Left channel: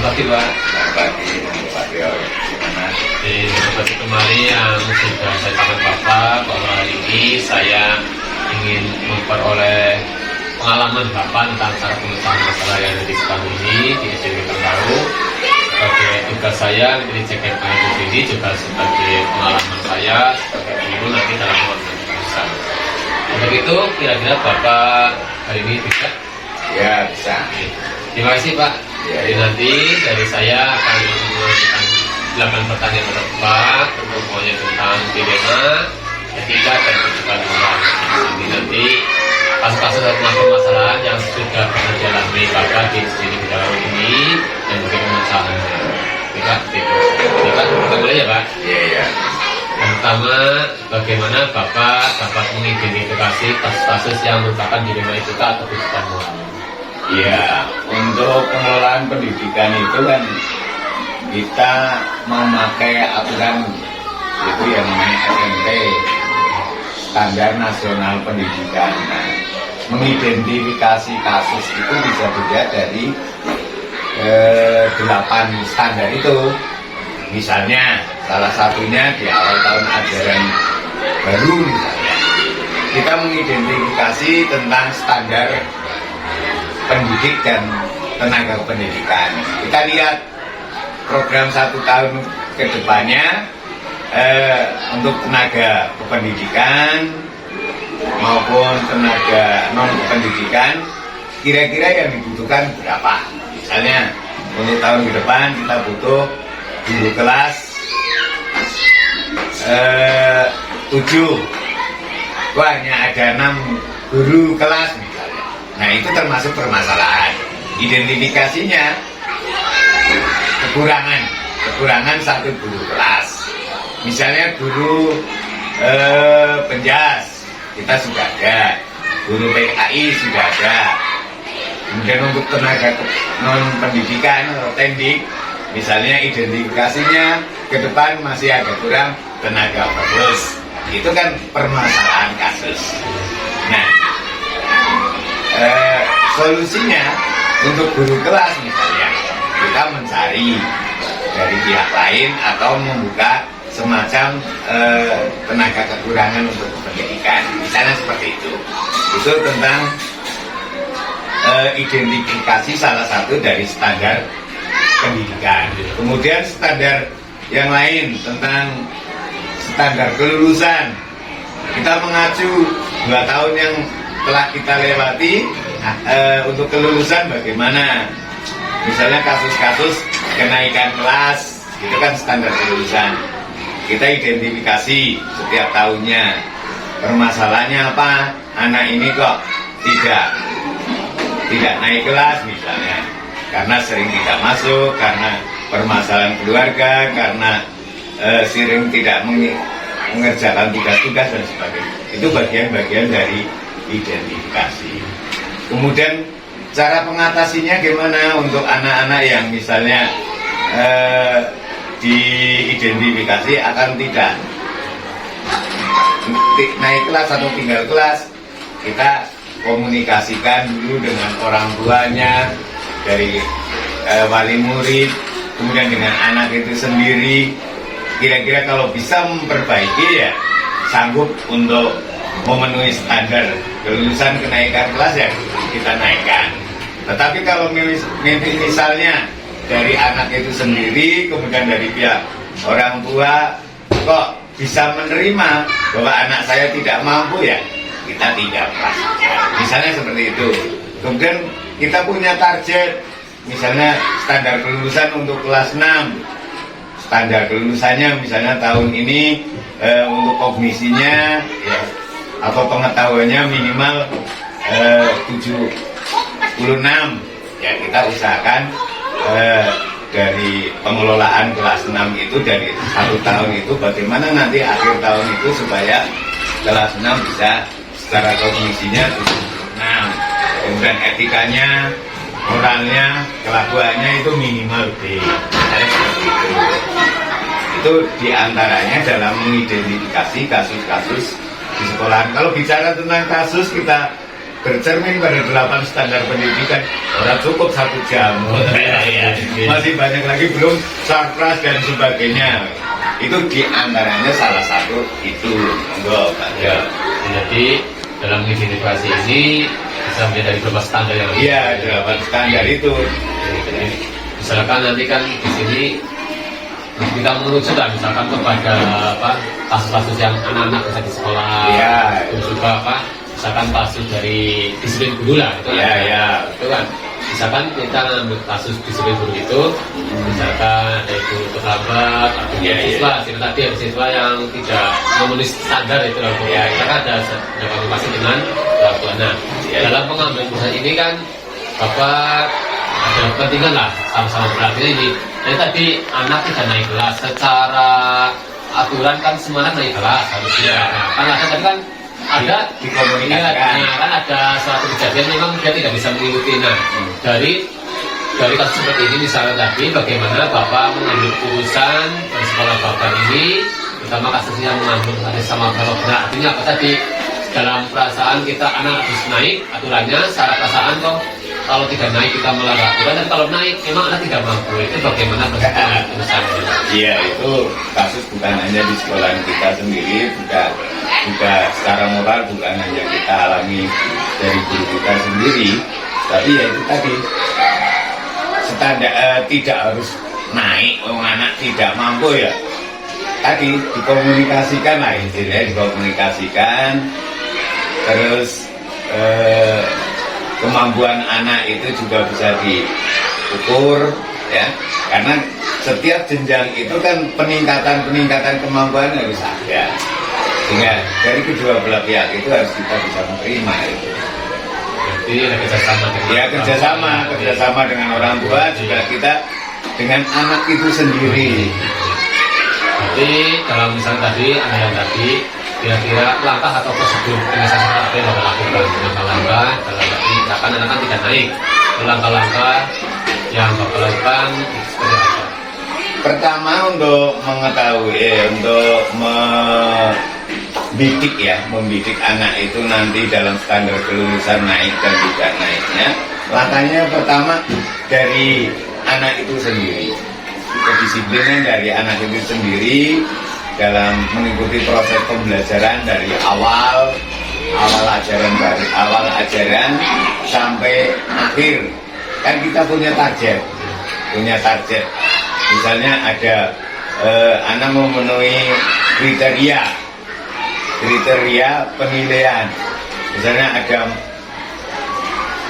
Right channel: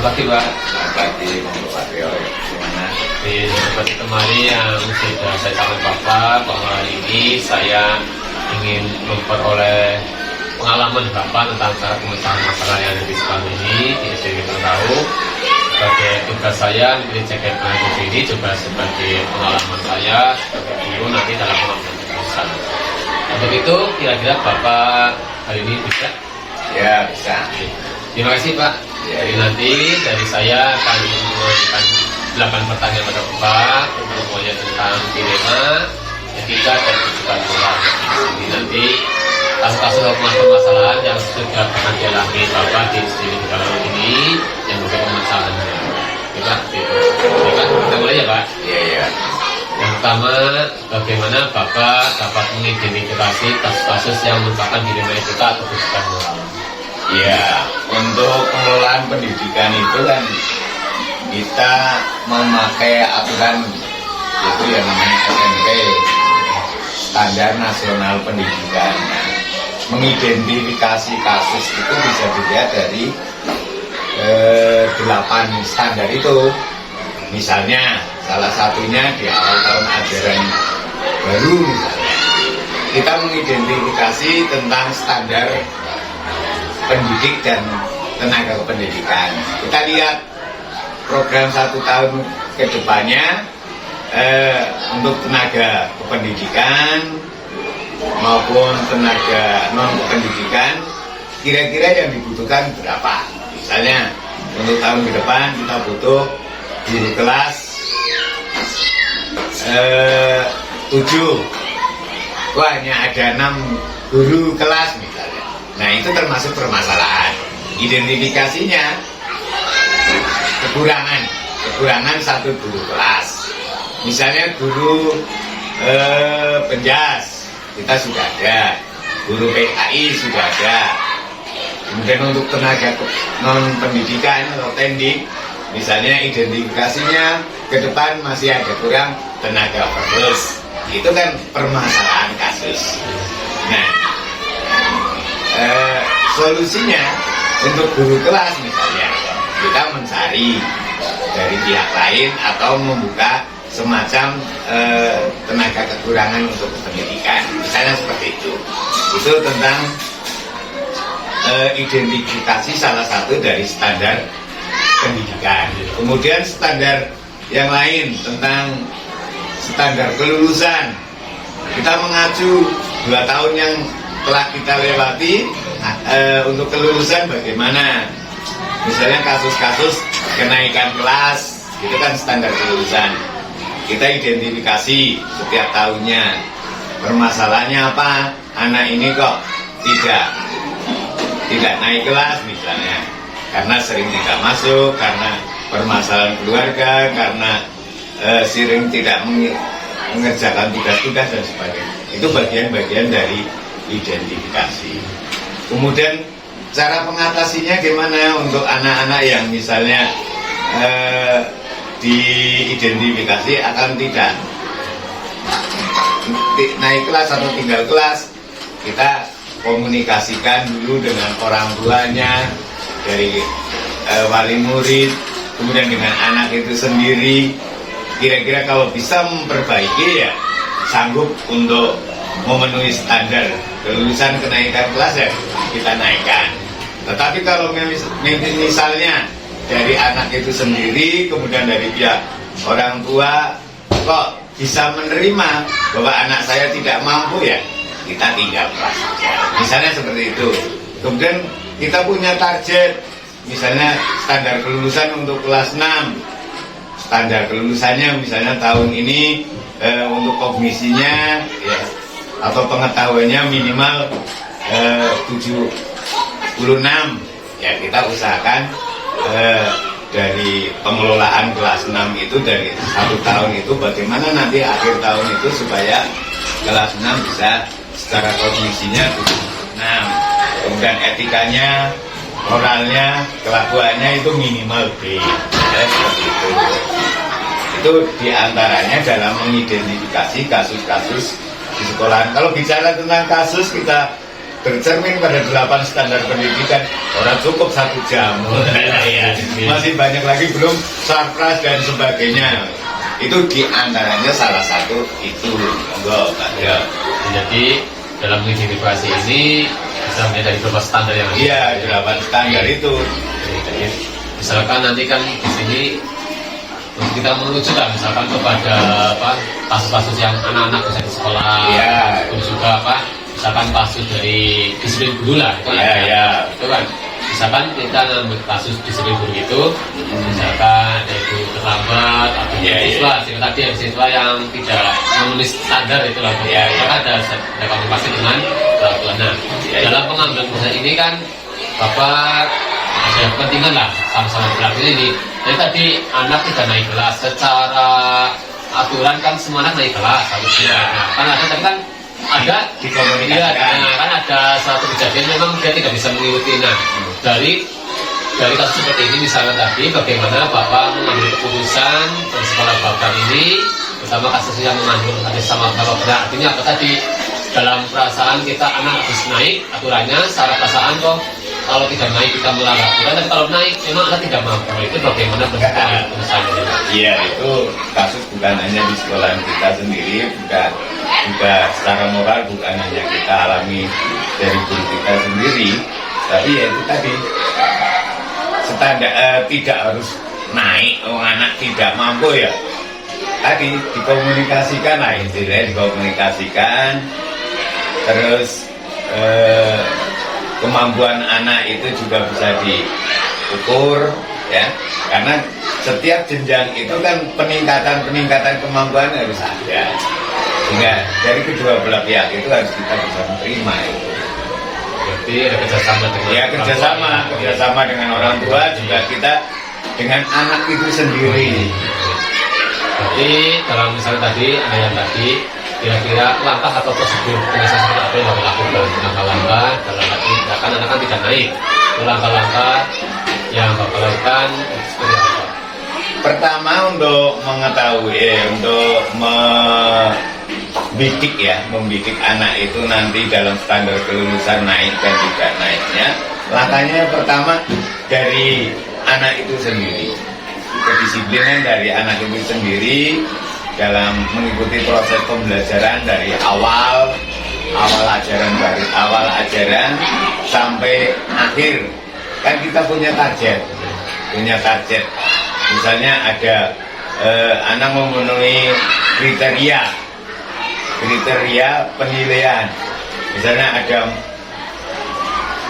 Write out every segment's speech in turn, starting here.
Selamat pagi Pak. Selamat pagi Pak Rio. Gimana? Seperti kemarin yang sudah saya sampaikan Bapak bahwa hari ini saya ingin memperoleh pengalaman Bapak tentang cara pemecahan masalah yang ada di sekolah ini di SD tahu. Sebagai tugas saya menjadi CKP di sini juga sebagai pengalaman saya sebagai guru nanti dalam mengajar. Untuk itu kira-kira Bapak hari ini bisa? Ya bisa. Terima kasih Pak. Jadi nanti dari saya akan mengajukan 8 pertanyaan kepada Bapak untuk semuanya tentang dilema, etika dan juga moral. Jadi nanti kasus-kasus permasalahan yang sudah pernah dialami Bapak di sini dalam ini yang menjadi permasalahannya. Kita kita mulai ya Pak. Iya. Yang pertama, bagaimana Bapak dapat mengidentifikasi kasus-kasus yang merupakan dilema etika atau juga moral? Ya, untuk pengelolaan pendidikan itu kan kita memakai aturan itu yang namanya SMP, Standar Nasional Pendidikan. Nah, mengidentifikasi kasus itu bisa dilihat dari 8 standar itu. Misalnya, salah satunya di awal tahun ajaran baru misalnya, kita mengidentifikasi tentang standar pendidik dan tenaga pendidikan. Kita lihat program 1 tahun ke depannya untuk tenaga kependidikan maupun tenaga non kependidikan, kira-kira yang dibutuhkan berapa. Misalnya untuk tahun ke depan kita butuh guru kelas 7. Wah, hanya ada 6 guru kelas misalnya. Nah, itu termasuk permasalahan. Identifikasinya kekurangan 1 guru kelas. Misalnya guru penjas kita sudah ada, guru PKI sudah ada. Kemudian untuk tenaga non pendidikan atau tendik, misalnya identifikasinya ke depan masih ada kurang tenaga penerus. Itu kan permasalahan kasus. Nah, solusinya untuk guru kelas misalnya kita mencari dari pihak lain atau membuka semacam tenaga kekurangan untuk pendidikan, misalnya seperti itu tentang identifikasi salah satu dari standar pendidikan. Kemudian standar yang lain tentang standar kelulusan, kita mengacu 2 tahun yang telah kita lewati untuk kelulusan bagaimana. Misalnya kasus-kasus kenaikan kelas, itu kan standar kelulusan. Kita identifikasi setiap tahunnya permasalahannya apa, anak ini kok tidak naik kelas misalnya karena sering tidak masuk, karena permasalahan keluarga, karena sering tidak mengerjakan tugas-tugas dan sebagainya. Itu bagian-bagian dari identifikasi. Kemudian cara pengatasinya gimana untuk anak-anak yang misalnya diidentifikasi akan tidak naik kelas atau tinggal kelas. Kita komunikasikan dulu dengan orang tuanya, dari wali murid, kemudian dengan anak itu sendiri. Kira-kira kalau bisa memperbaiki ya sanggup untuk memenuhi standar kelulusan kenaikan kelas ya kita naikkan. Tetapi kalau misalnya dari anak itu sendiri, kemudian dari pihak orang tua kok bisa menerima bahwa anak saya tidak mampu, ya kita tidak prasaja. Misalnya seperti itu. Kemudian kita punya target, misalnya standar kelulusan untuk kelas 6. Standar kelulusannya misalnya tahun ini untuk kognisinya ya, atau pengetahuannya minimal 76. Ya kita usahakan dari pengelolaan kelas 6 itu, dari 1 tahun itu bagaimana nanti akhir tahun itu supaya kelas 6 bisa secara kognisinya 76. Kemudian etikanya, moralnya, kelakuannya itu minimal B. Seperti itu. Itu diantaranya dalam mengidentifikasi kasus-kasus di sekolah. Kalau bicara tentang kasus, kita bercermin pada 8 standar pendidikan, orang cukup 1 jam. Masih banyak lagi belum sarpras dan sebagainya. Itu diantaranya salah satu itu. Monggo, Pak. Ya, jadi dalam edukasi ini bisa menjadi beberapa standar yang Iya, 8 standar itu. Jadi, misalkan nanti kan di sini kita menuju kan misalkan kepada apa kasus-kasus yang anak-anak bisa di sekolah, Iya. terus juga apa misalkan kasus dari disiplin guru lah, itu Iya, kan, iya. itu kan misalkan kita ngambil kasus disiplin guru itu, misalkan ada ibu terlambat, atau Iya, siswa, tadi yang siswa yang tidak memenuhi standar itu lah, Iya, iya. maka ada konfirmasi dengan orang tuanya. Iya, iya. Dalam pengambilan keputusan ini kan Bapak ada kepentingan lah sama-sama berarti ini. Jadi tadi anak tidak naik kelas secara aturan kan semuanya naik kelas harusnya. Nah, kan ada tapi kan ada Dikomunikasikan. iya, nah, kan ada satu kejadian memang dia tidak bisa mengikuti. Nah, dari kasus seperti ini misalnya tadi bagaimana Bapak mengambil keputusan dari sekolah Bapak ini bersama kasus yang mengandung ada sama Bapak. Nah, artinya apa tadi dalam perasaan kita anak harus naik aturannya secara perasaan kok kalau tidak naik kita melanggar aturan, tapi kalau naik memang anak tidak mampu. Itu bagaimana bentuknya keputusan ini? Iya, itu kasus bukan hanya di sekolah kita sendiri, juga secara moral bukan hanya kita alami dari guru kita sendiri, tapi ya itu tadi standar tidak harus naik, anak tidak mampu ya. Tadi dikomunikasikan lah istilahnya, dikomunikasikan, terus kemampuan anak itu juga bisa diukur ya, karena setiap jenjang itu kan peningkatan kemampuan harus ada, sehingga dari kedua belah pihak itu harus kita bisa menerima itu. Jadi ada kerjasama dengan Ya kerjasama dengan orang tua, juga kita dengan anak itu sendiri. Jadi dalam misalnya tadi ada yang tadi kira-kira langkah atau prosedur pengesahan apa yang Bapak lakukan, langkah-langkah dalam arti misalkan anak kan tidak naik, itu langkah-langkah yang Bapak lakukan seperti apa? Pertama untuk mengetahui untuk membidik anak itu nanti dalam standar kelulusan naik dan tidak naiknya, langkahnya pertama dari anak itu sendiri, kedisiplinan dari anak itu sendiri dalam mengikuti proses pembelajaran dari awal ajaran sampai akhir. Kan kita punya target, misalnya ada anak memenuhi kriteria penilaian, misalnya ada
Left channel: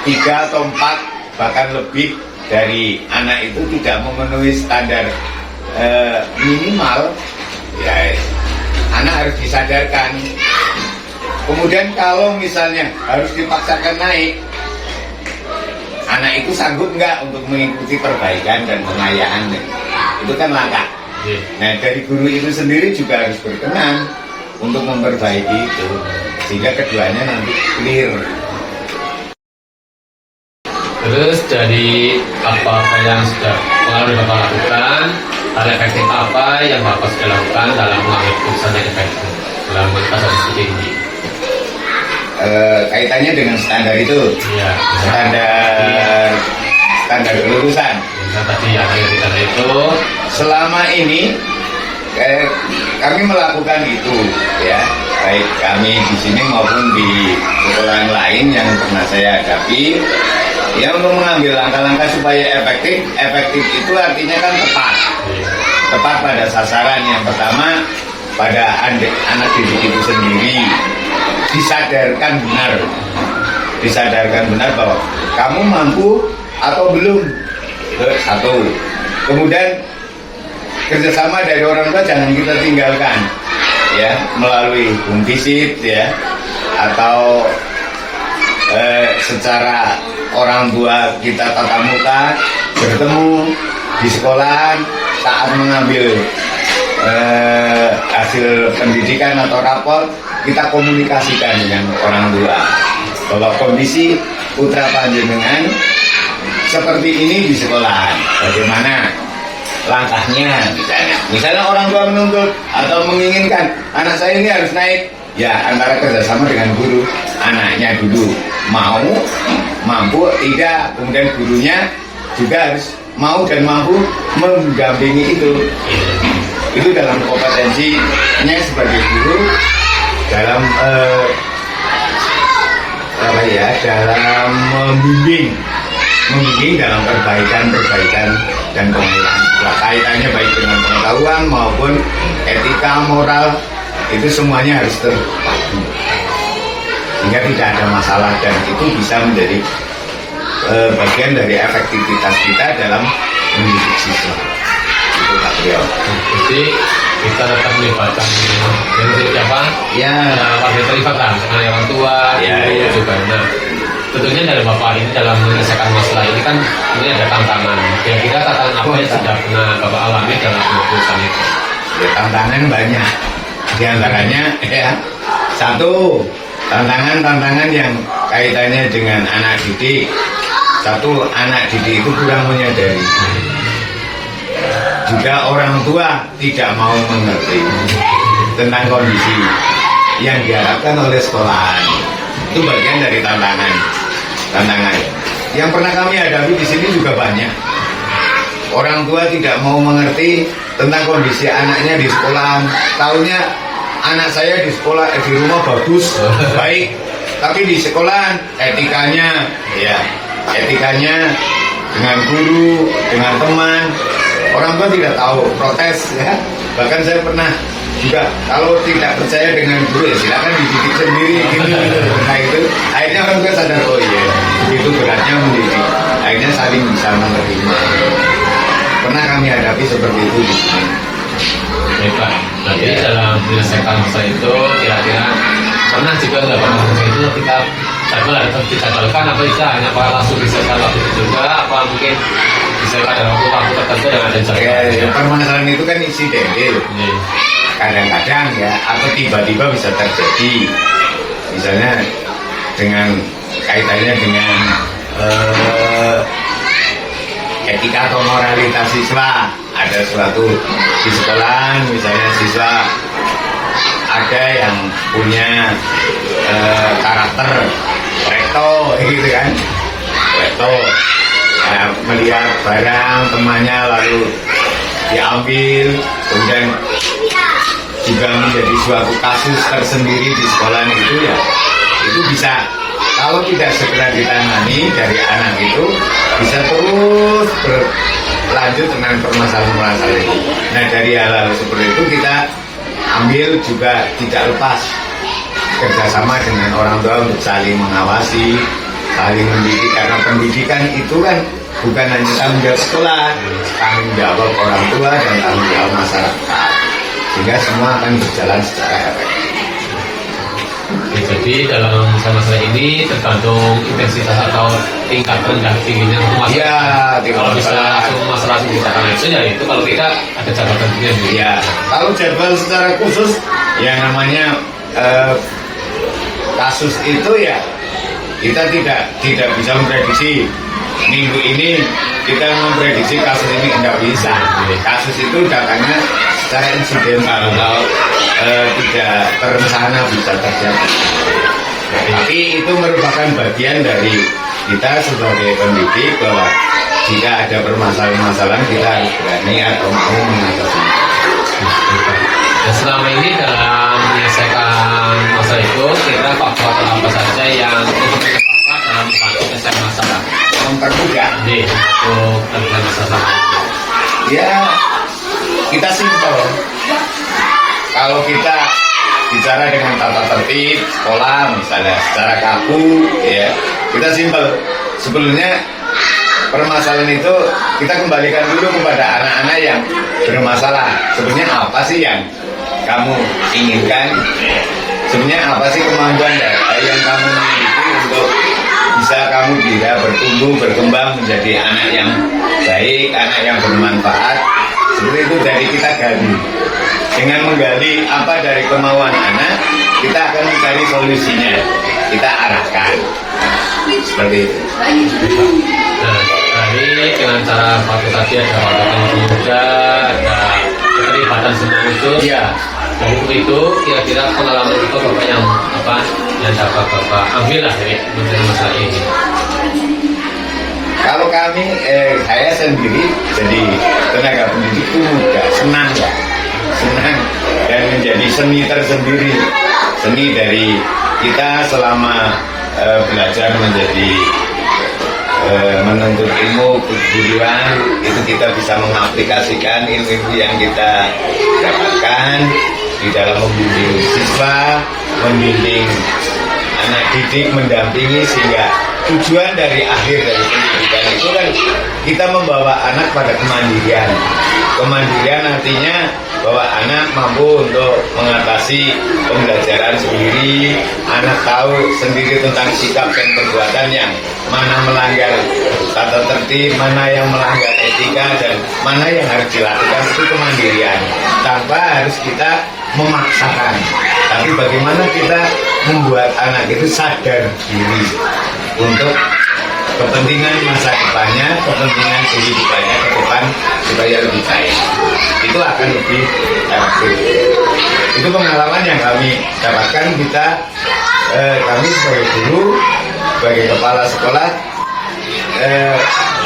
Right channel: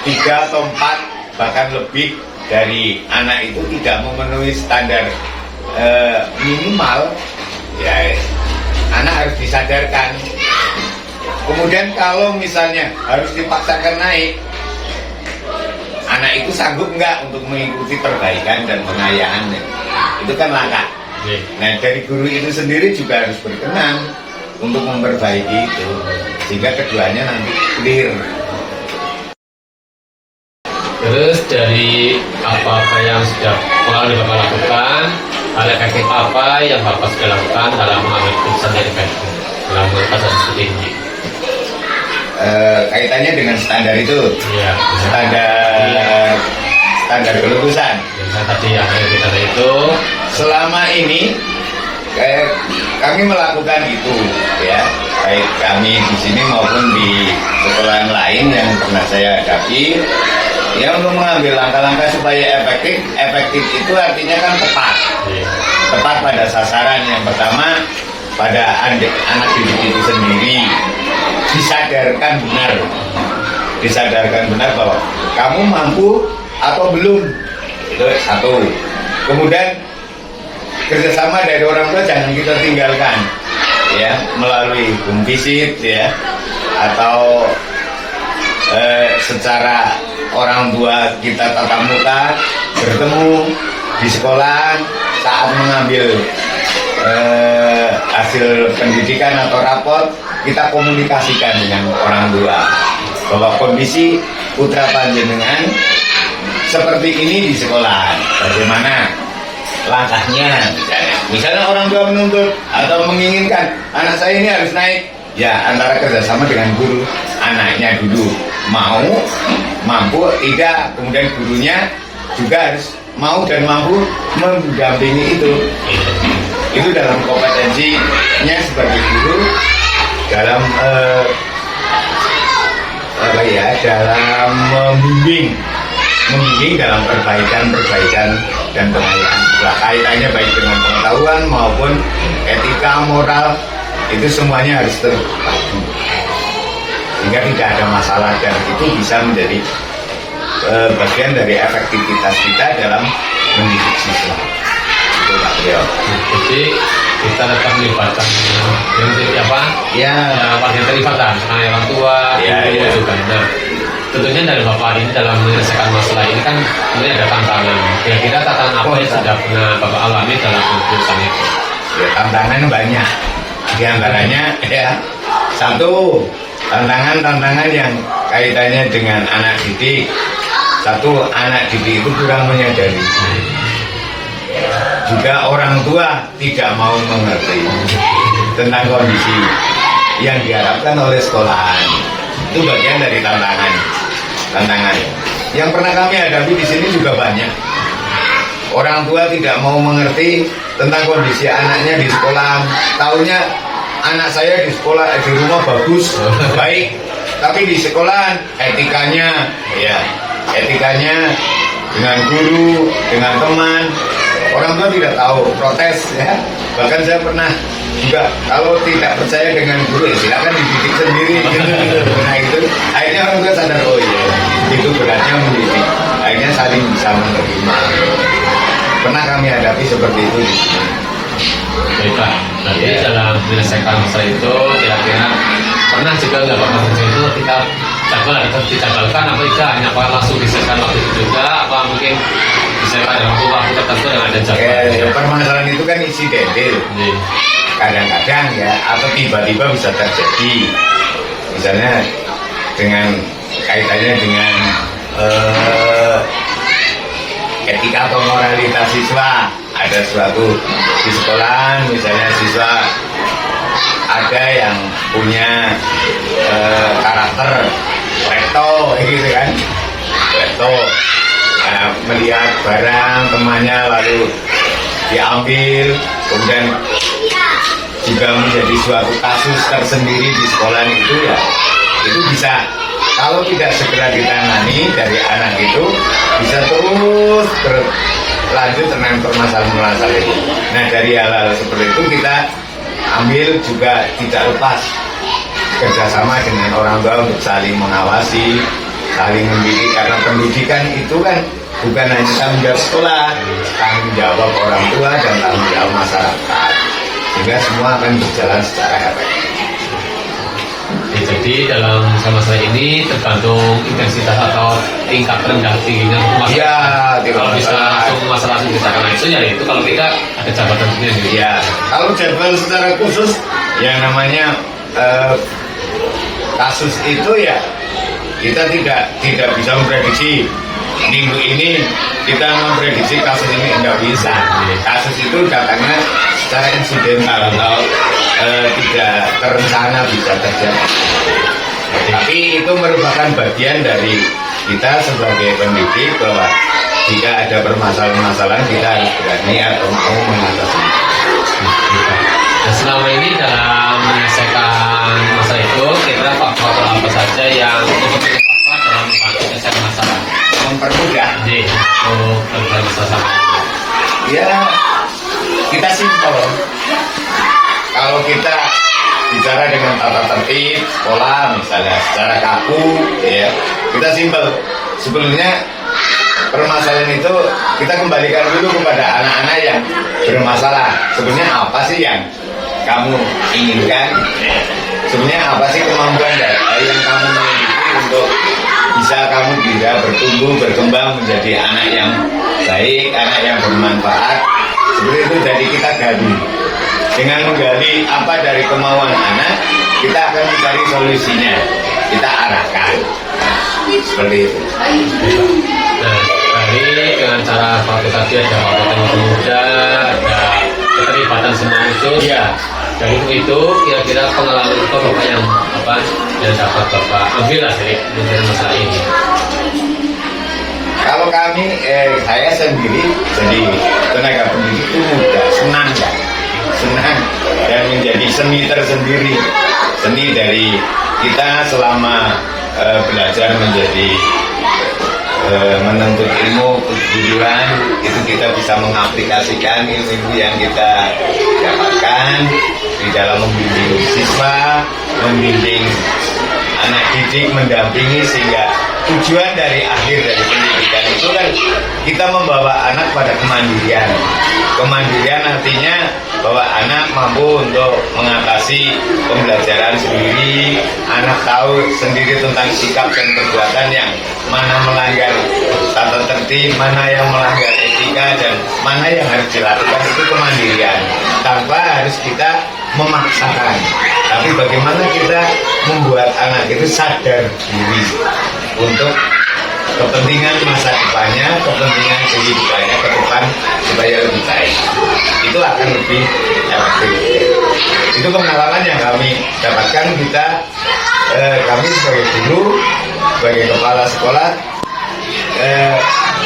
3 atau 4 bahkan lebih dari anak itu tidak memenuhi standar minimal, ya anak harus disadarkan. Kemudian kalau misalnya harus dipaksakan naik, anak itu sanggup nggak untuk mengikuti perbaikan dan pengayaan, itu kan langkah. Nah dari guru itu sendiri juga harus berkenan untuk memperbaiki itu, sehingga keduanya nanti clear. Terus dari apa yang sudah pengalaman Bapak lakukan, hal efektif apa yang Bapak sudah lakukan dalam mengambil keputusan yang efektif dalam mengatasi seperti ini? Kaitannya dengan standar itu, Ya, standar kelulusan. yang tadi yang kita itu Selama ini kami melakukan itu, ya, baik kami di sini maupun di sekolah lain yang pernah saya hadapi. Ya, untuk mengambil langkah-langkah supaya efektif itu artinya kan tepat pada sasaran. Yang pertama pada anak didik itu sendiri, disadarkan benar bahwa kamu mampu atau belum, itu satu. Kemudian kerjasama dari orang tua jangan kita tinggalkan, ya, melalui home visit, ya, atau secara orang tua kita tatap muka bertemu di sekolah saat mengambil hasil pendidikan atau rapor, kita komunikasikan dengan orang tua bahwa kondisi putra panjenengan seperti ini di sekolah, bagaimana langkahnya. Misalnya orang tua menuntut atau menginginkan anak saya ini harus naik, ya antara kerjasama dengan guru, anaknya duduk mau, mampu, tidak, kemudian gurunya juga harus mau dan mampu mendampingi itu. Itu dalam kompetensinya sebagai guru dalam dalam membimbing dalam perbaikan dan pengayaan. Kaitannya baik dengan pengetahuan maupun etika, moral, itu semuanya harus terpadu sehingga tidak ada masalah, dan itu bisa menjadi bagian dari efektivitas kita dalam mendidik siswa. Itu Pak Trio. Jadi kita tetap melibatkan yang siapa? Ya, Warga terlibat lah, karena orang tua, guru juga. Nah, tentunya dari Bapak ini dalam menyelesaikan masalah ini kan ini ada tantangan. Kira-kira tantangan apa yang sudah pernah Bapak alami dalam pengurusan itu? Ya, tantangan banyak. Di antaranya ya, satu, tantangan yang kaitannya dengan anak didik. Satu, anak didik itu kurang menyadari. Juga orang tua tidak mau mengerti tentang kondisi yang diharapkan oleh sekolahan. Itu bagian dari tantangan. Yang pernah kami hadapi di sini juga banyak. Orang tua tidak mau mengerti tentang kondisi anaknya di sekolahan. Taunya anak saya di sekolah, di rumah bagus, baik, tapi di sekolahan etikanya dengan guru, dengan teman, orang tua tidak tahu, protes ya. Bahkan saya pernah juga, kalau tidak percaya dengan guru ya silakan dididik sendiri gitu. Nah itu akhirnya orang tua sadar, oh iya itu beratnya mendidik, akhirnya saling bisa menerima. Pernah kami hadapi seperti itu di sini. Baiklah, berarti dalam menyelesaikan masalah itu kira-kira pernah juga nggak Pak maksud itu kita dicabalkan apa tidak, hanya apa langsung diselesaikan waktu itu juga, apa mungkin bisa pada waktu tertentu dengan ada jadwal? Permasalahan itu kan insidental. Kadang-kadang ya, atau tiba-tiba bisa terjadi. Misalnya dengan kaitannya dengan etika atau moralitas siswa. Ada suatu di sekolah, misalnya siswa ada yang punya karakter leto gitu kan, leto ya, melihat barang temannya lalu diambil, kemudian juga menjadi suatu kasus tersendiri di sekolah itu ya, itu bisa kalau tidak segera ditangani dari anak itu bisa terus berlanjut dengan permasalahan itu. Nah dari hal-hal seperti itu kita ambil juga tidak lepas kerjasama dengan orang tua untuk saling mengawasi, saling mendidik, karena pendidikan itu kan bukan hanya tanggung jawab sekolah, tanggung jawab orang tua dan tanggung jawab masyarakat, sehingga semua akan berjalan secara efektif. Jadi dalam masalah ini tergantung intensitas atau tingkat rendah tingginya masalah. Ya, kalau bisa langsung masalah diceritakan itu ya itu kalau kita ada jabatannya gitu. Ya, kalau jadwal secara khusus yang namanya kasus itu ya kita tidak bisa memprediksi minggu ini kita memprediksi kasus ini tidak bisa. Kasus itu datangnya secara insidental atau tidak terencana bisa terjadi. Tapi itu merupakan bagian dari kita sebagai pendidik bahwa jika ada permasalahan-permasalahan kita harus berani atau mau mengatasinya. Dan selama ini dalam menyelesaikan masalah itu, kira-kira faktor apa saja yang Bapak dalam menyelesaikan masalah? Mempermudah untuk terjadi masalah. Ya, kita simpel. Kalau kita bicara dengan tata tertib sekolah misalnya secara kaku ya, kita simpel. Sebelumnya permasalahan itu kita kembalikan dulu kepada anak-anak yang bermasalah. Sebenarnya apa sih yang kamu inginkan? Sebenarnya apa sih kemampuan yang kamu miliki untuk bisa kamu bisa bertumbuh, berkembang menjadi anak yang baik, anak yang bermanfaat. Seperti itu dari kita gali. Dengan menggali apa dari kemauan anak, kita akan mencari solusinya. Kita arahkan. Seperti itu. Nah, dari dengan cara pakai tadi ada wawasan muda, ada keterlibatan semua unsur. Iya. Dari itu kira-kira pengalaman apa Bapak yang dapat Bapak ambil lah dari masalah ini? Kalau kami, saya sendiri jadi tenaga pendidik itu mudah, senang Pak, senang dan menjadi seni tersendiri, seni dari kita selama belajar menjadi menuntut ilmu keguruan itu kita bisa mengaplikasikan ilmu yang kita dapatkan di dalam membimbing siswa, membimbing anak didik, mendampingi, sehingga tujuan dari akhir dari pendidikan itu kan kita membawa anak pada kemandirian. Kemandirian artinya bahwa anak mampu untuk mengatasi pembelajaran sendiri, anak tahu sendiri tentang sikap dan perbuatan yang mana melanggar tata tertib, mana yang melanggar etika, dan mana yang harus dilakukan. Itu kemandirian tanpa harus kita memaksakan, tapi bagaimana kita membuat anak itu sadar diri untuk kepentingan masa depannya, kepentingan kehidupannya ke depan supaya lebih baik. Itu akan lebih efektif. Itu pengalaman yang kami dapatkan. Kami sebagai guru, sebagai kepala sekolah,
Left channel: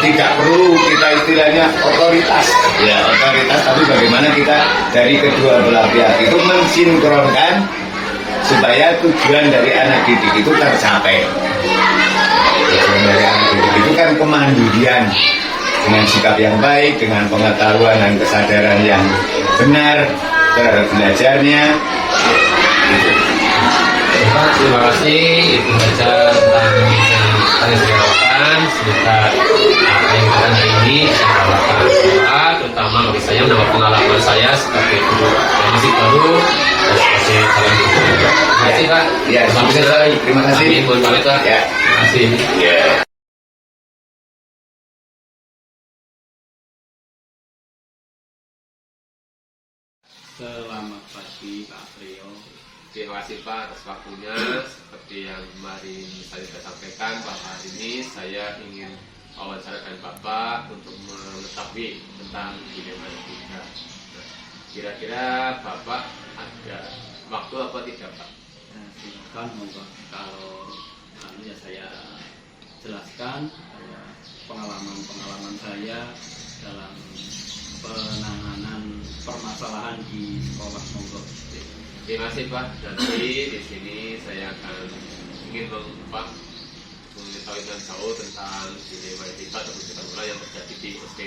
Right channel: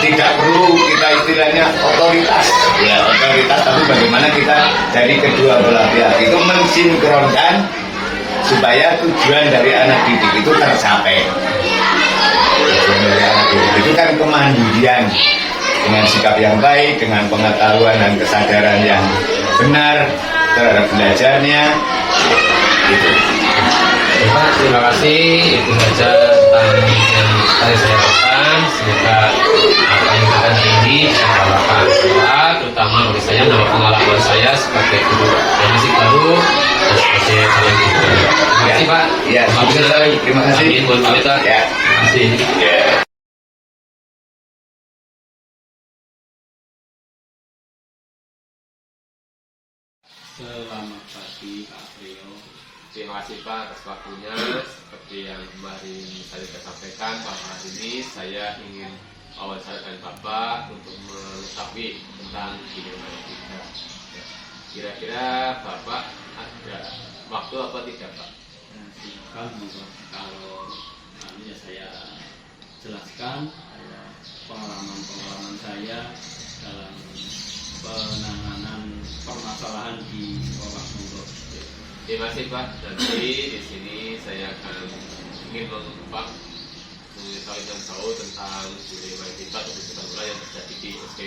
tidak perlu kita istilahnya otoritas, tapi bagaimana kita dari kedua belah pihak itu mensinkronkan supaya tujuan dari anak didik itu tercapai. Itu kan kemandirian dengan sikap yang baik, dengan pengetahuan dan kesadaran yang benar terhadap belajarnya. Terima kasih, itu saja tentang yang tadi saya lakukan. Semoga apa yang kita hari ini saya lakukan manfaat, terutama bagi saya menambah pengalaman saya sebagai guru dan musik baru dan sebagai calon guru. Terima kasih Pak. Ya, terima kasih. Mohon pamit Pak. Ya. Terima kasih. Ya. Selamat pagi Pak Priyo. Terima kasih Pak atas waktunya. Seperti yang kemarin saya sampaikan, bahwa hari ini saya ingin wawancarakan Bapak untuk mengetahui tentang dilema etika. Kira-kira Bapak ada waktu apa tidak Pak? Silakan monggo. Kalau ya saya jelaskan pengalaman saya dalam penanganan permasalahan di sekolah, monggo. Terima kasih Pak. Jadi di sini saya akan ingin mengetahui dan tahu tentang dilema etika atau kesulitan yang terjadi di SD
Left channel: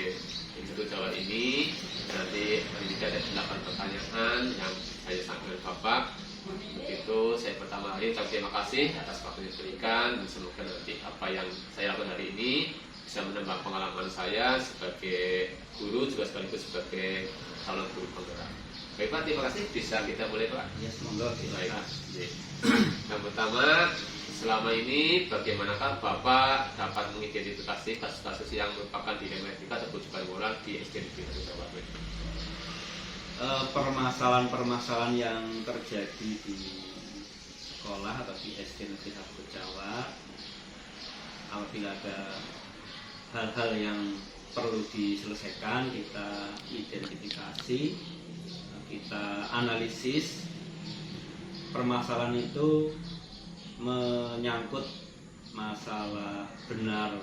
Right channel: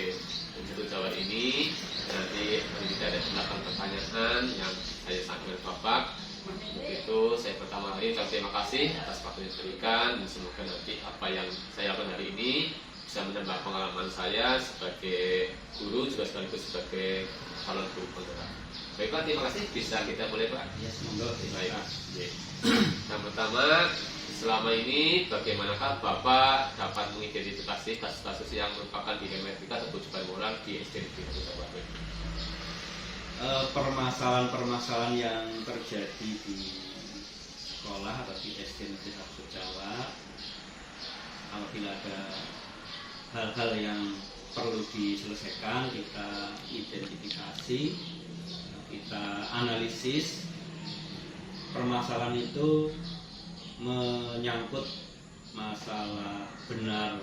Negeri Jawa ini. Nanti jika ada pertanyaan yang saya sampaikan Bapak, begitu saya pertama kali terima kasih atas waktu yang diberikan. Semoga nanti apa yang saya lakukan hari ini bisa menambah pengalaman saya sebagai guru juga sekaligus sebagai calon guru penggerak. Baik Pak, terima kasih. Bisa kita mulai Pak? Ya, monggo. Baik. Yang pertama, selama ini bagaimanakah Bapak dapat mengidentifikasi kasus-kasus yang merupakan dilema etika atau kewajiban moral di SD Negeri Jawa Barat? Permasalahan-permasalahan yang terjadi di sekolah atau di SD Negeri 1 Jawa, apabila ada hal-hal yang perlu diselesaikan, kita identifikasi, kita analisis. Permasalahan itu menyangkut masalah benar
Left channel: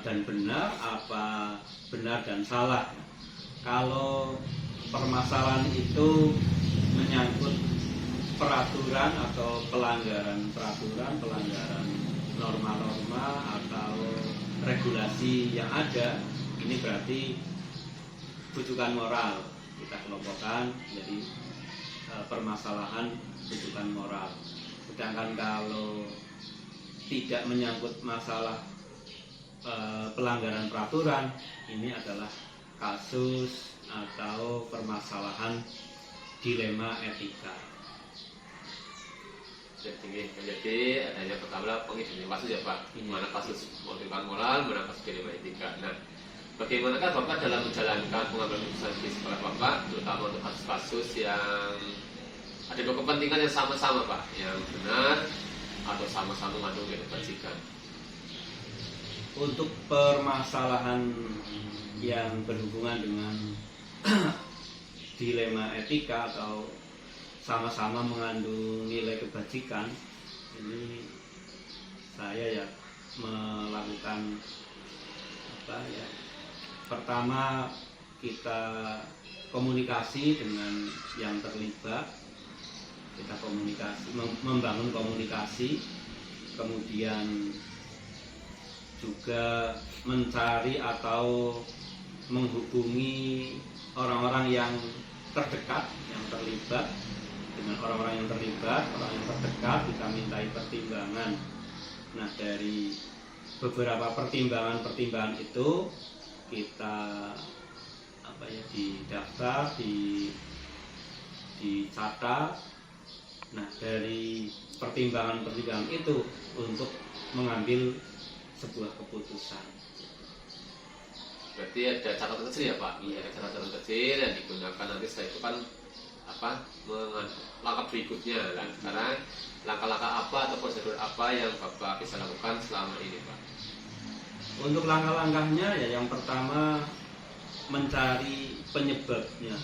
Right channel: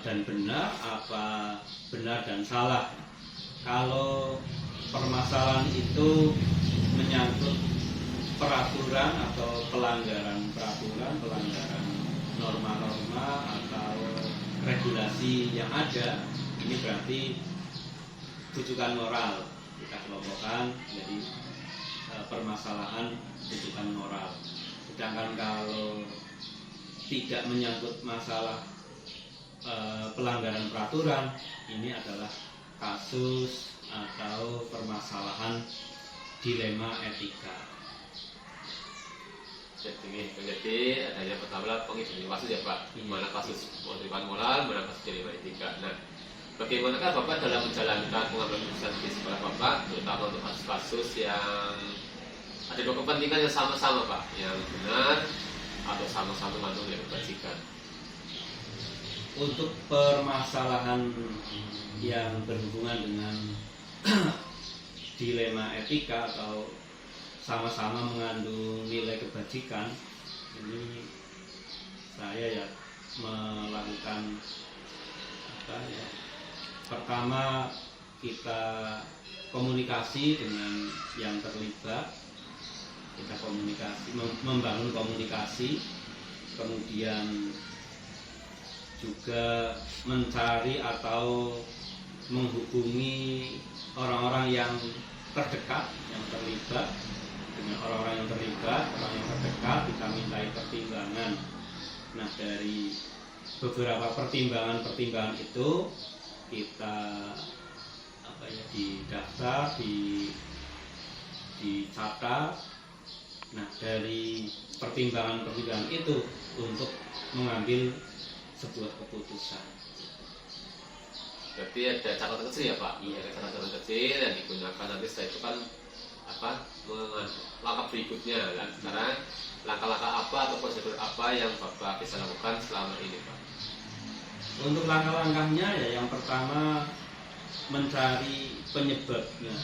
dan benar, apa benar dan salah. Kalau permasalahan itu menyangkut peraturan atau pelanggaran peraturan, pelanggaran norma-norma atau regulasi yang ada, ini berarti rujukan moral. Kita kelompokkan jadi permasalahan rujukan moral. Sedangkan kalau tidak menyangkut masalah pelanggaran peraturan, ini adalah kasus atau permasalahan dilema etika. Jadi adanya pertama pengidentifikasi ya Pak, mana kasus rujukan moral, mana kasus dilema etika. Nah, bagaimanakah Bapak dalam menjalankan pengambilan keputusan di sekolah Bapak, terutama untuk kasus-kasus yang ada dua kepentingan yang sama-sama Pak, yang benar atau sama-sama mengandung kebajikan? Untuk permasalahan yang berhubungan dengan dilema etika atau sama-sama mengandung nilai kebajikan, ini saya ya melakukan apa ya, pertama kita komunikasi dengan yang terlibat, kita komunikasi, membangun komunikasi, kemudian juga mencari atau menghubungi orang-orang yang terdekat, yang terlibat. Dengan orang-orang yang terlibat, orang yang terdekat, kita mintai pertimbangan. Nah, dari beberapa pertimbangan itu kita apa ya, didaftar, dicatat. Nah, dari pertimbangan itu untuk mengambil sebuah keputusan. Berarti ada catatan kecil ya Pak? Iya, ada catatan kecil yang digunakan nanti setelah itu kan langkah berikutnya kan. Sekarang langkah-langkah apa atau prosedur apa yang Bapak bisa lakukan selama ini Pak? Untuk langkah-langkahnya ya, yang pertama mencari penyebabnya,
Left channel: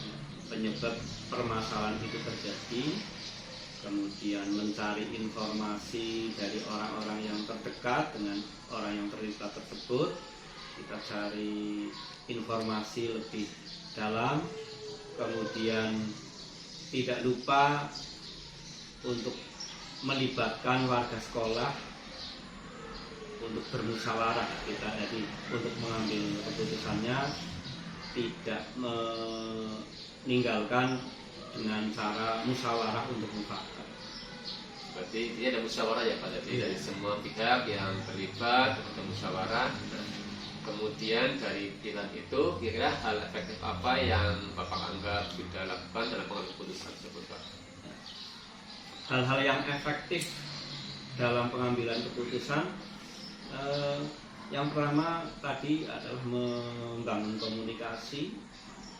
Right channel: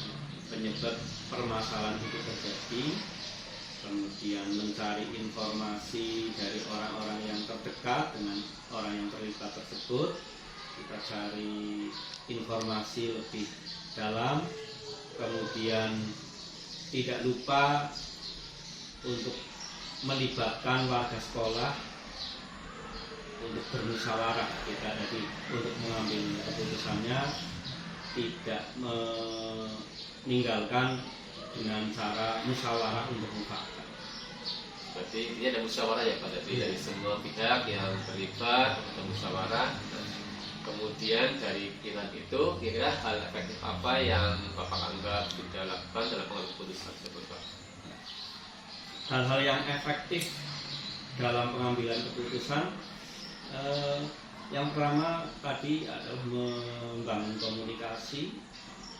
penyebab permasalahan itu terjadi, kemudian mencari informasi dari orang-orang yang terdekat dengan orang yang terlibat tersebut. Kita cari informasi lebih dalam, kemudian tidak lupa untuk melibatkan warga sekolah untuk bermusyawarah. Kita jadi untuk mengambil keputusannya tidak meninggalkan dengan cara musyawarah untuk mufakat. Berarti ini ada musyawarah ya Pak, jadi dari semua pihak yang terlibat atau musyawarah. Kemudian dari pilihan itu kira-kira hal efektif apa yang Bapak anggap sudah lakukan dalam pengambilan keputusan tersebut Pak? Hal-hal yang efektif dalam pengambilan keputusan, yang pertama tadi adalah membangun komunikasi,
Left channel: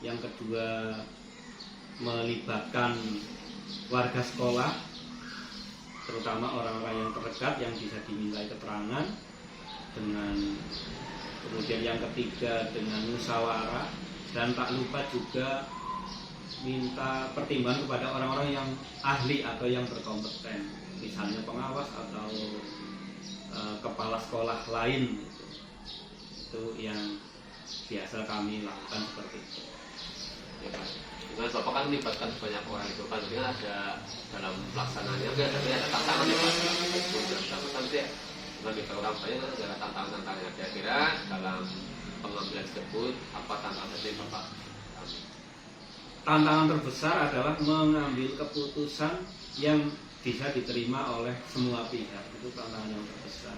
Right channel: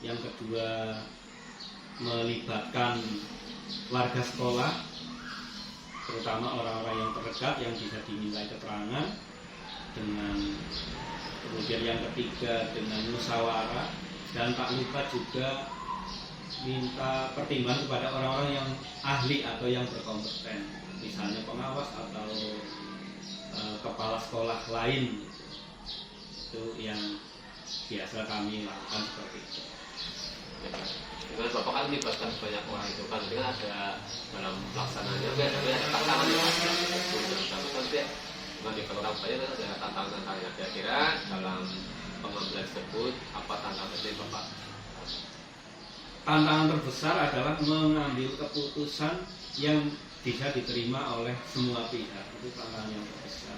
yang kedua melibatkan warga sekolah, terutama orang-orang yang terdekat yang bisa dimintai keterangan, kemudian yang ketiga dengan musyawarah, dan tak lupa juga minta pertimbangan kepada orang-orang yang ahli atau yang berkompeten, misalnya pengawas atau kepala sekolah lain. Itu yang biasa kami lakukan seperti itu. Ya, dengan Bapak kan melibatkan banyak orang itu kan, jadi ada dalam pelaksanaannya ada tantangan dengan diperlukan banyak ada tantangan-tantangan. Kira-kira dalam pengambilan tersebut apa tantangan yang Bapak? Tantangan terbesar adalah mengambil keputusan yang bisa diterima oleh semua pihak. Itu tantangan yang terbesar,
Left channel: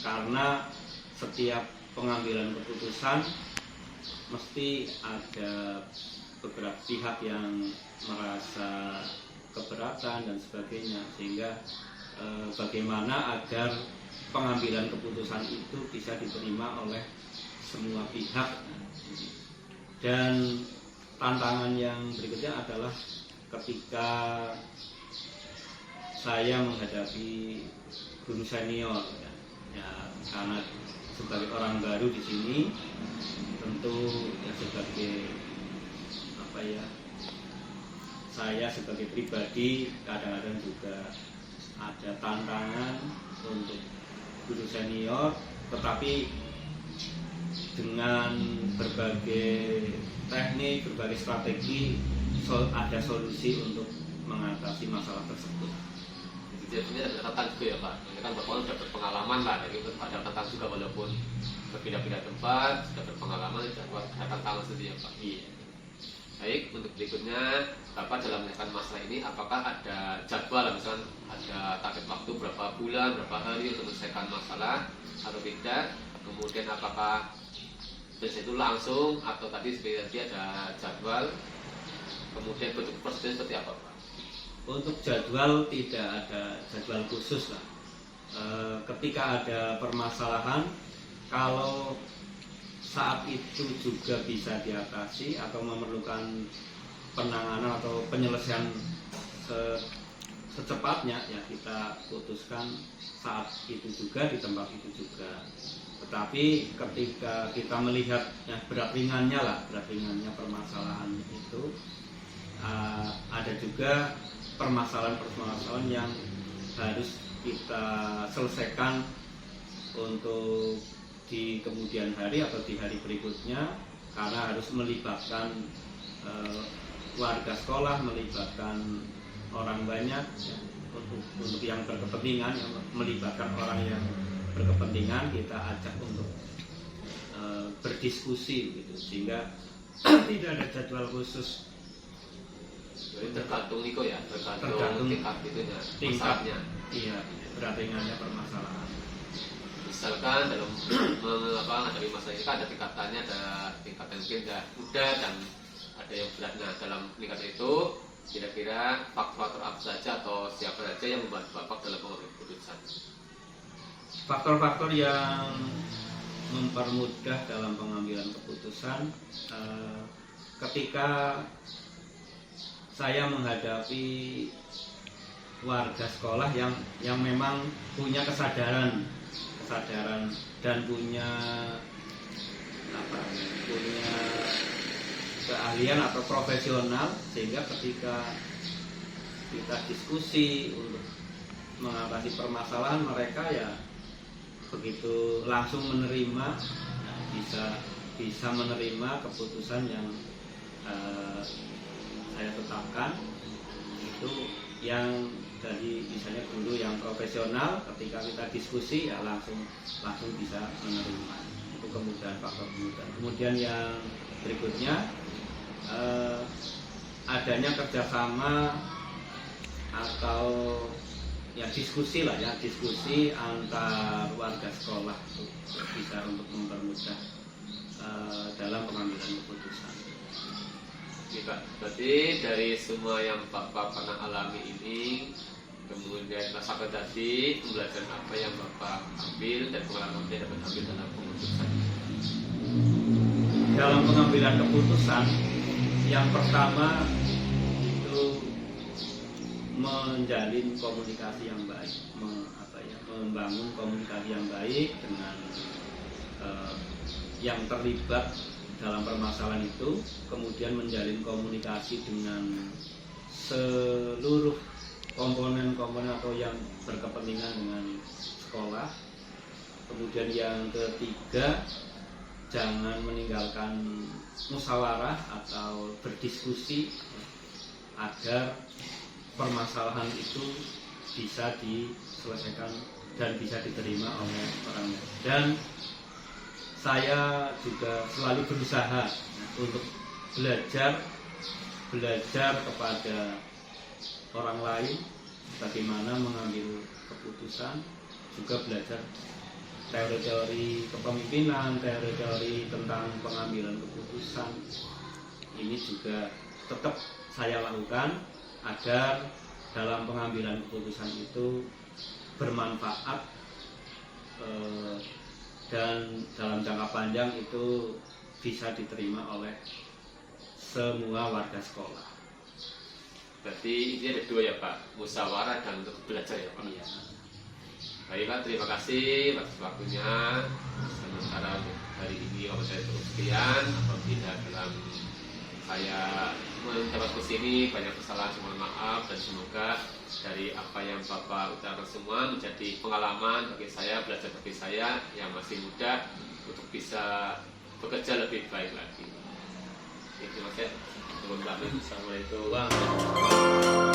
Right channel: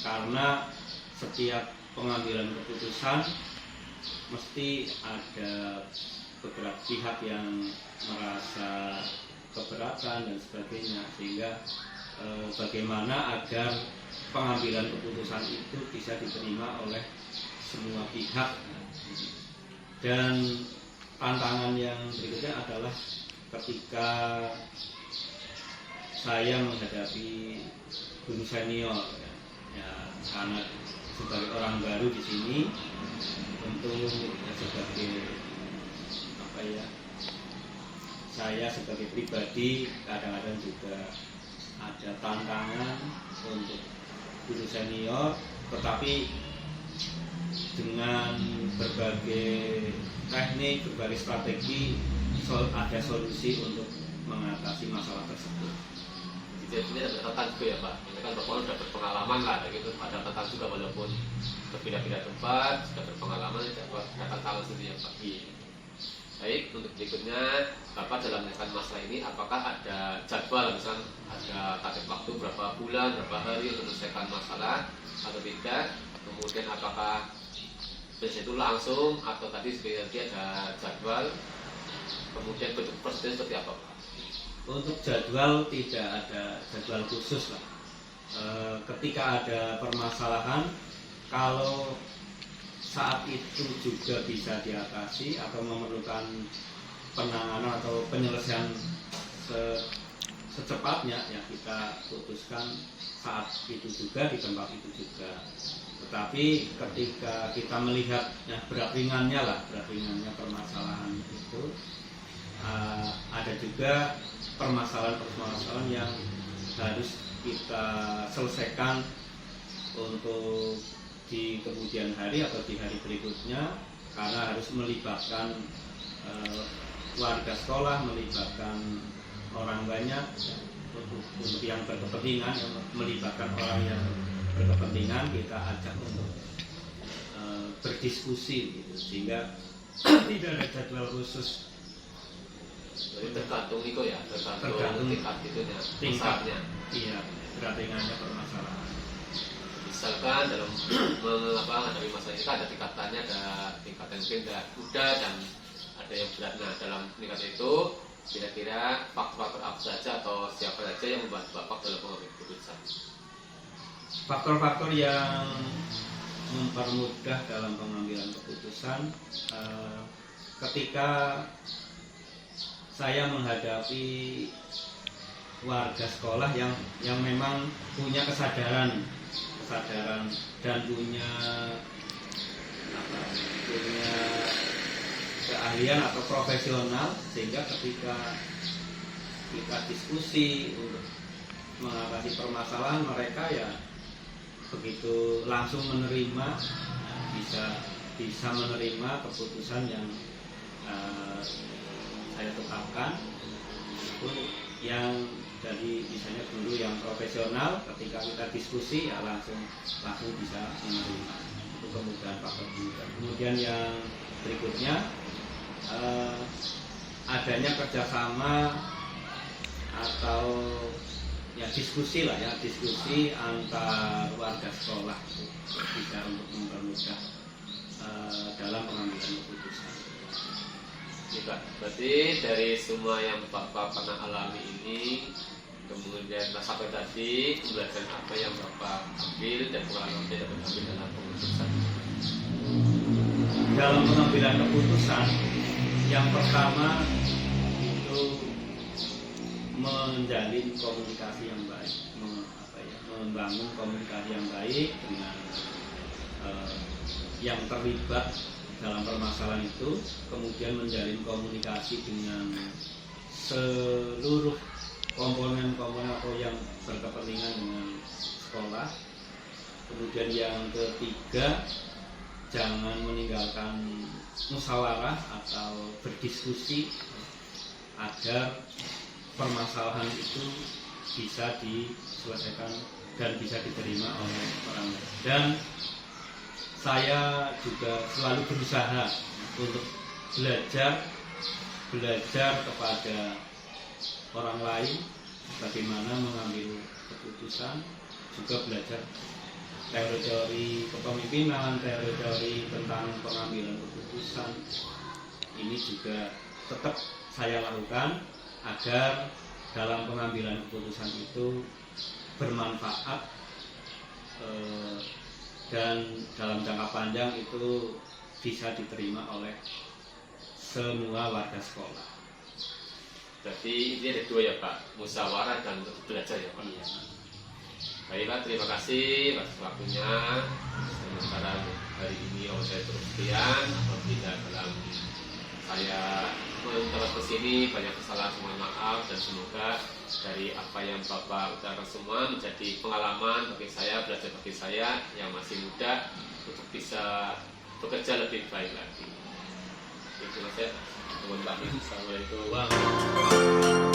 karena setiap pengambilan keputusan mesti ada beberapa pihak yang merasa keberatan dan sebagainya, sehingga bagaimana agar pengambilan keputusan itu bisa diterima oleh semua pihak. Dan tantangan yang berikutnya adalah ketika saya menghadapi guru senior, ya karena sebagai orang baru di sini, tentu ya sebagai apa ya, saya sebagai pribadi kadang-kadang juga ada tantangan untuk guru senior, tetapi dengan berbagai teknik, berbagai strategi, ada solusi untuk mengatasi masalah tersebut. Jadi ini ada tantangan juga ya Pak. Ini kan Bapak sudah berpengalaman lah, gitu. Ada tantangan juga walaupun berpindah-pindah tempat, sudah berpengalaman, ada tantangan sendiri ya Pak. Iya. Baik, untuk berikutnya Bapak dalam menyelesaikan masalah ini, apakah ada jadwal, misalnya ada target waktu berapa bulan, berapa hari untuk menyelesaikan masalah atau tidak? Kemudian apakah biasanya itu langsung atau tadi sebenarnya ada jadwal? Kemudian bentuk prosedurnya seperti apa Pak? Untuk jadwal tidak ada jadwal khusus lah. Ketika ada permasalahan, kalau saat itu juga bisa diatasi atau memerlukan penanganan atau penyelesaian secepatnya, ya kita putuskan saat itu juga, di tempat itu juga. Tetapi ketika kita melihat ya, berat ringannya permasalahan itu, ada juga permasalahan-permasalahan yang harus kita selesaikan untuk di kemudian hari atau di hari berikutnya, karena harus melibatkan warga sekolah, melibatkan orang banyak ya, untuk yang berkepentingan, yang melibatkan orang yang berkepentingan kita ajak untuk berdiskusi gitu, sehingga tidak ada jadwal khusus. Jadi tergantung itu ya, Tergantung tingkat itunya, tingkatnya, iya, berat ringannya permasalahan. Misalkan dalam menghadapi masalah ini kan ada tingkatannya, ada tingkatan mungkin mudah dan ada yang beratnya. Dalam tingkat itu kira-kira faktor-faktor apa saja atau siapa saja yang membantu Bapak dalam mengambil keputusan? Faktor-faktor yang mempermudah dalam pengambilan keputusan ketika saya menghadapi warga sekolah yang memang punya kesadaran dan punya keahlian atau profesional, sehingga ketika kita diskusi untuk mengatasi permasalahan mereka ya begitu langsung menerima, bisa menerima keputusan yang saya tetapkan. Itu yang dari misalnya guru yang profesional, ketika kita diskusi ya langsung bisa menerima. Itu kemudahan, faktor kemudahan. Kemudian yang berikutnya adanya kerjasama atau ya diskusi antar warga sekolah, itu bisa untuk mempermudah dalam pengambilan keputusan. Ya, Pak. Berarti dari semua yang Bapak pernah alami ini, kemudian sampai tadi pembelajaran apa yang Bapak ambil dan pengalaman yang dapat ambil dalam keputusan? Dalam pengambilan keputusan, yang pertama itu menjalin komunikasi yang baik, membangun komunikasi yang baik dengan yang terlibat dalam permasalahan itu, kemudian menjalin komunikasi dengan seluruh komponen-komponen atau yang berkepentingan dengan sekolah. Kemudian yang ketiga, jangan meninggalkan musyawarah atau berdiskusi agar permasalahan itu bisa diselesaikan dan bisa diterima oleh orang lain. Dan saya juga selalu berusaha untuk belajar kepada orang lain bagaimana mengambil keputusan, juga belajar teori-teori kepemimpinan, teori-teori tentang pengambilan keputusan. Ini juga tetap saya lakukan agar dalam pengambilan keputusan itu bermanfaat dan dalam jangka panjang itu bisa diterima oleh semua warga sekolah. Berarti ini ada dua ya Pak, musyawarah dan untuk belajar ya Pak. Iya. Baik Pak, terima kasih atas waktunya. Sementara hari ini kalau saya terus sekian, apabila dalam saya mengucapkan ke sini banyak kesalahan, mohon maaf, dan semoga dari apa yang Bapak utarakan semua menjadi pengalaman bagi saya, belajar bagi saya yang masih muda untuk bisa bekerja lebih baik lagi. Terima kasih teman-teman. Assalamualaikum.